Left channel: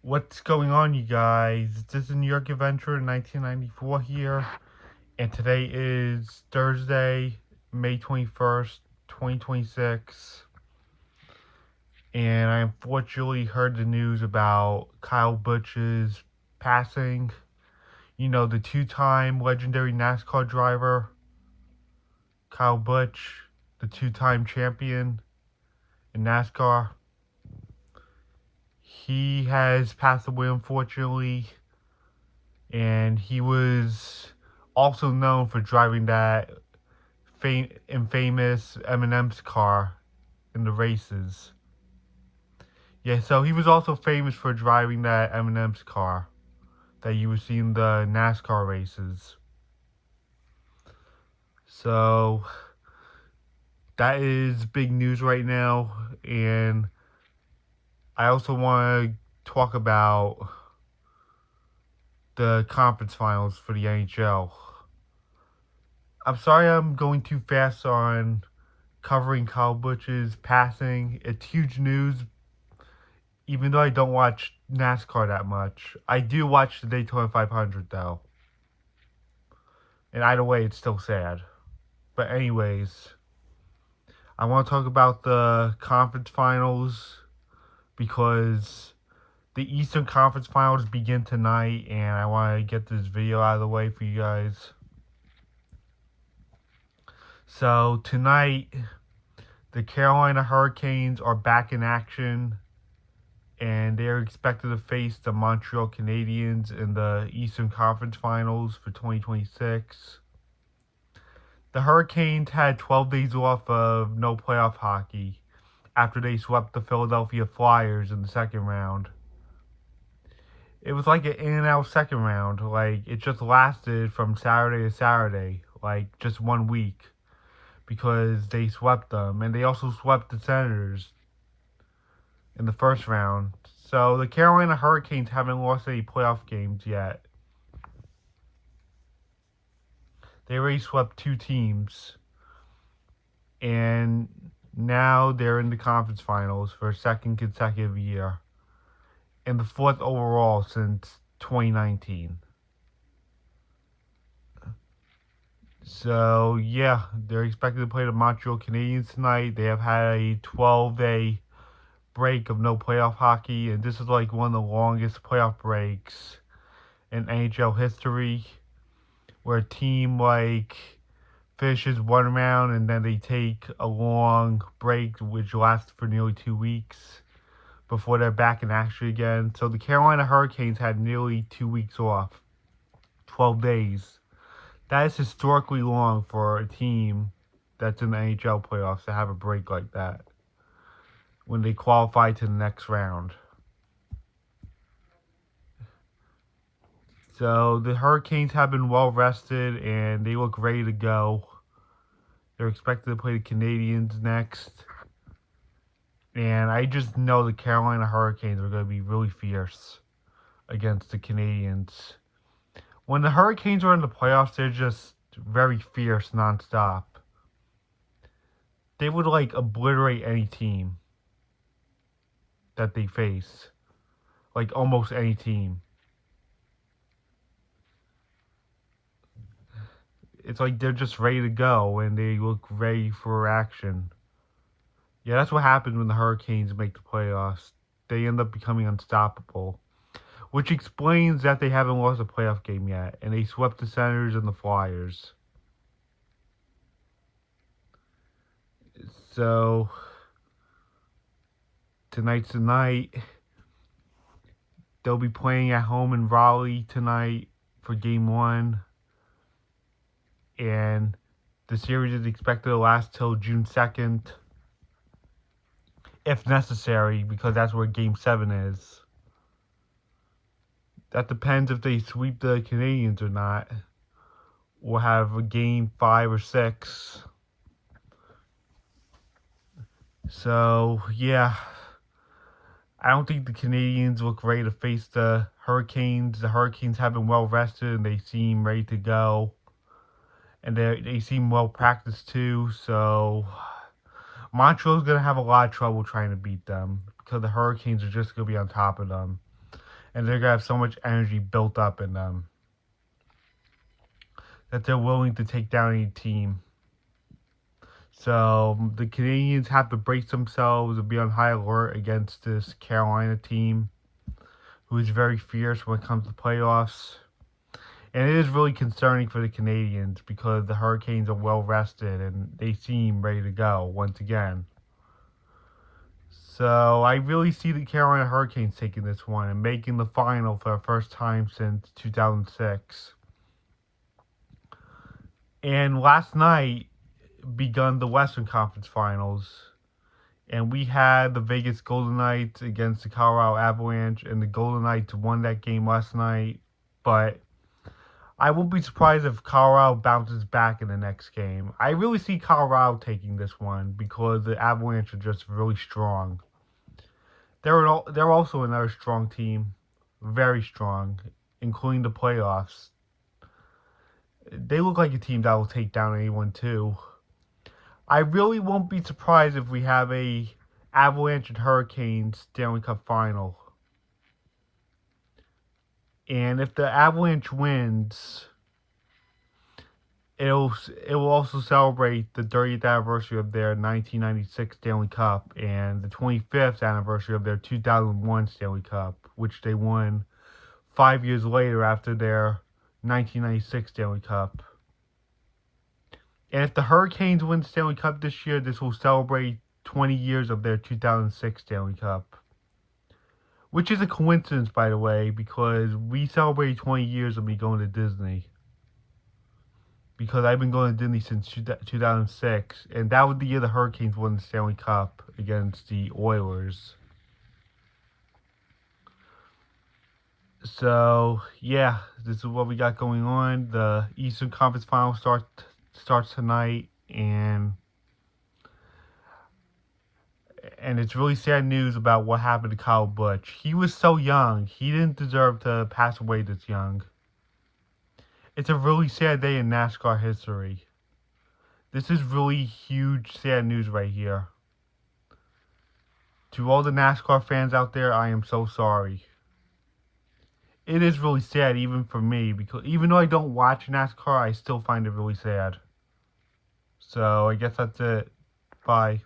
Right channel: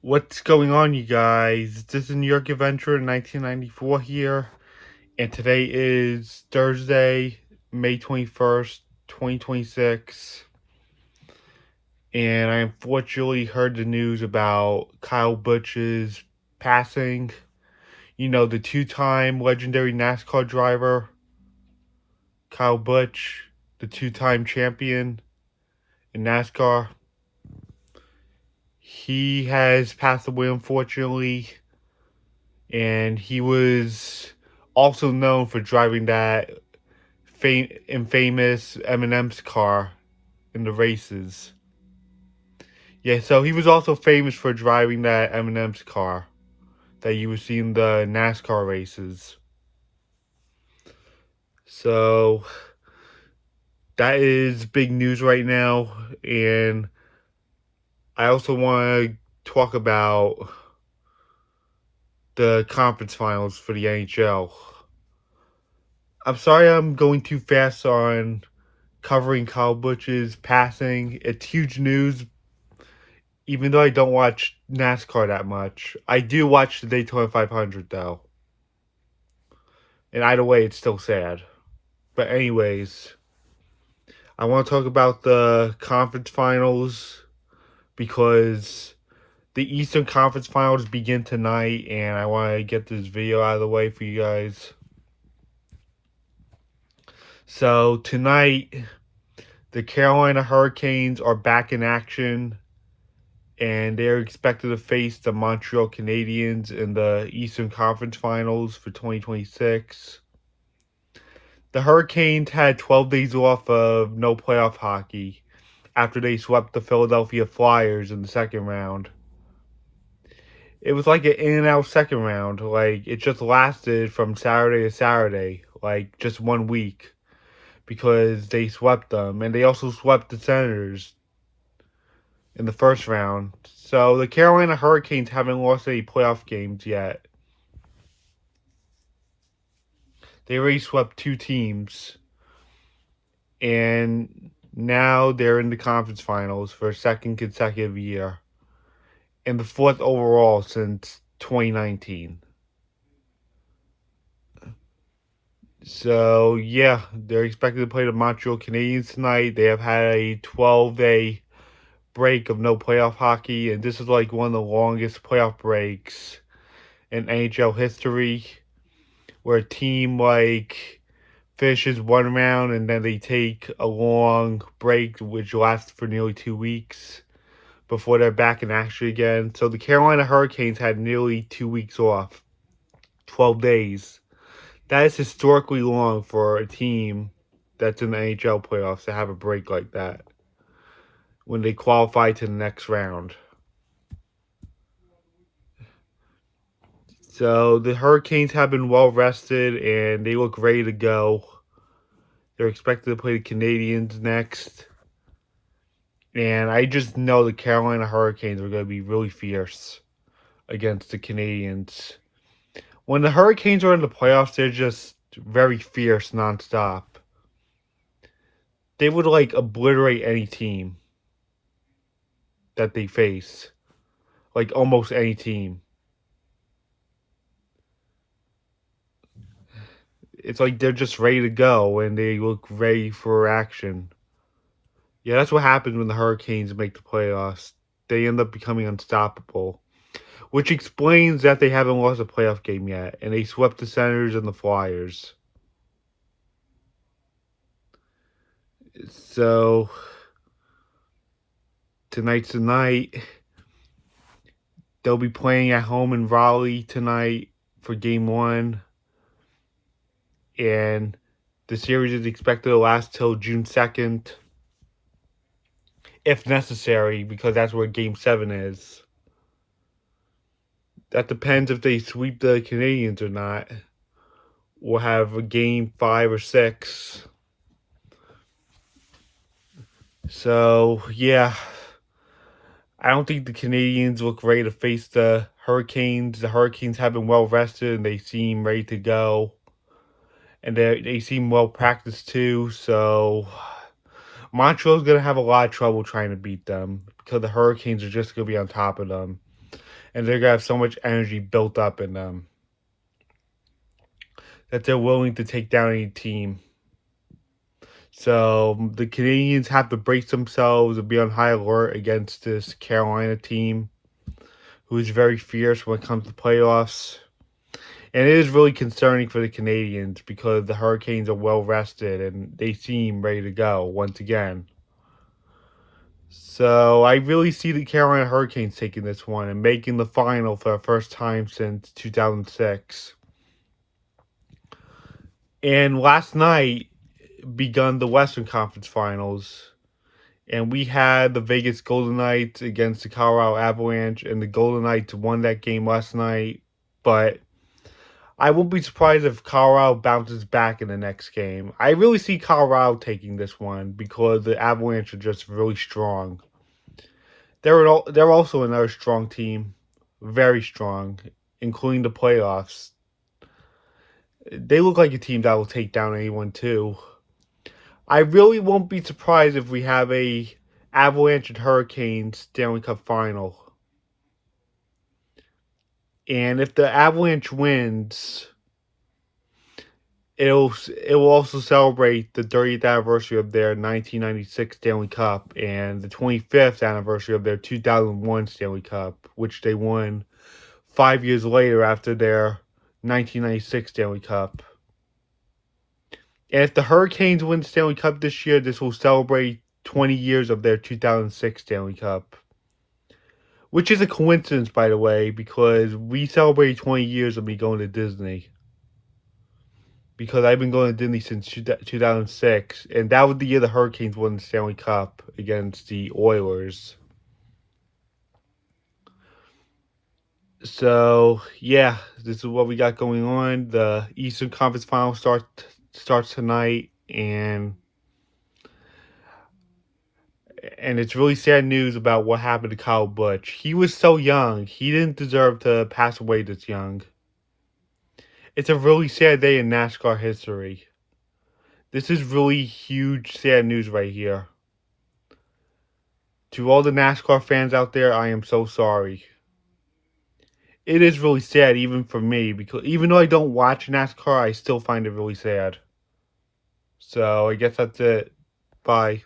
What's going on, you guys? This is New York Adventure in 1994 here, and today is Thursday, May 21st, 2026. And I unfortunately heard the news about Kyle Busch's passing. You know, the two-time legendary NASCAR driver, Kyle Busch, the two-time champion in NASCAR. He has passed away, unfortunately, and he was also known for driving that infamous M&Ms car in the races. Yeah, so he was also famous for driving that M&Ms car that you would see in the NASCAR races. So that is big news right now, and I also want to talk about the conference finals for the NHL. I'm sorry I'm going too fast on covering Kyle Busch's passing. It's huge news, even though I don't watch NASCAR that much. I do watch the Daytona 500, though. And either way, it's still sad. But, anyways, I want to talk about the conference finals because the Eastern Conference Finals begin tonight, and I want to get this video out of the way for you guys. So, tonight, the Carolina Hurricanes are back in action, and they're expected to face the Montreal Canadiens in the Eastern Conference Finals for 2026. The Hurricanes had 12 days off of no playoff hockey after they swept the Philadelphia Flyers in the second round. It was like an in and out second round. Like, it just lasted from Saturday to Saturday, like just 1 week, because they swept them. And they also swept the Senators in the first round. So the Carolina Hurricanes haven't lost any playoff games yet. They already swept two teams, and now they're in the conference finals for a second consecutive year, and the fourth overall since 2019. So yeah, they're expected to play the Montreal Canadiens tonight. They have had a 12-day break of no playoff hockey, and this is like one of the longest playoff breaks in NHL history, where a team like finishes one round and then they take a long break which lasts for nearly 2 weeks before they're back in action again. So the Carolina Hurricanes had nearly 2 weeks off, 12 days. That is historically long for a team that's in the NHL playoffs to have a break like that when they qualify to the next round. So the Hurricanes have been well rested and they look ready to go. They're expected to play the Canadiens next. And I just know the Carolina Hurricanes are going to be really fierce against the Canadiens. When the Hurricanes are in the playoffs, they're just very fierce nonstop. They would like obliterate any team that they face. Like almost any team. It's like they're just ready to go and they look ready for action. Yeah, that's what happens when the Hurricanes make the playoffs. They end up becoming unstoppable. Which explains that they haven't lost a playoff game yet. And they swept the Senators and the Flyers. So, tonight's the night. They'll be playing at home in Raleigh tonight for game one. And the series is expected to last till June 2nd. If necessary, because that's where game 7 is. That depends if they sweep the Canadiens or not. We'll have a game 5 or 6. So, yeah. I don't think the Canadiens look ready to face the Hurricanes. The Hurricanes have been well rested and they seem ready to go. And they seem well practiced too. So, Montreal's going to have a lot of trouble trying to beat them because the Hurricanes are just going to be on top of them. and they're gonna have so much energy built up in them that they're willing to take down any team. So the Canadiens have to brace themselves and be on high alert against this Carolina team, who is very fierce when it comes to playoffs. And it is really concerning for the Canadiens because the Hurricanes are well rested and they seem ready to go once again. So I really see the Carolina Hurricanes taking this one and making the final for the first time since 2006. And last night begun the Western Conference Finals. And we had the Vegas Golden Knights against the Colorado Avalanche, and the Golden Knights won that game last night. But I won't be surprised if Colorado bounces back in the next game. I really see Colorado taking this one because the Avalanche are just really strong. They're also another strong team, very strong, including the playoffs. They look like a team that will take down anyone too. I really won't be surprised if we have a Avalanche and Hurricanes Stanley Cup final. And if the Avalanche wins, it will also celebrate the 30th anniversary of their 1996 Stanley Cup and the 25th anniversary of their 2001 Stanley Cup, which they won 5 years later after their 1996 Stanley Cup. And if the Hurricanes win the Stanley Cup this year, this will celebrate 20 years of their 2006 Stanley Cup. Which is a coincidence, by the way, because we celebrated 20 years of me going to Disney. Because I've been going to Disney since 2006, and that was the year the Hurricanes won the Stanley Cup against the Oilers. So, yeah, this is what we got going on. The Eastern Conference Final starts tonight, and it's really sad news about what happened to Kyle Busch. He was so young. He didn't deserve to pass away this young. It's a really sad day in NASCAR history. This is really huge, sad news right here. To all the NASCAR fans out there, I am so sorry. It is really sad, even for me, because even though I don't watch NASCAR, I still find it really sad. So, I guess that's it. Bye.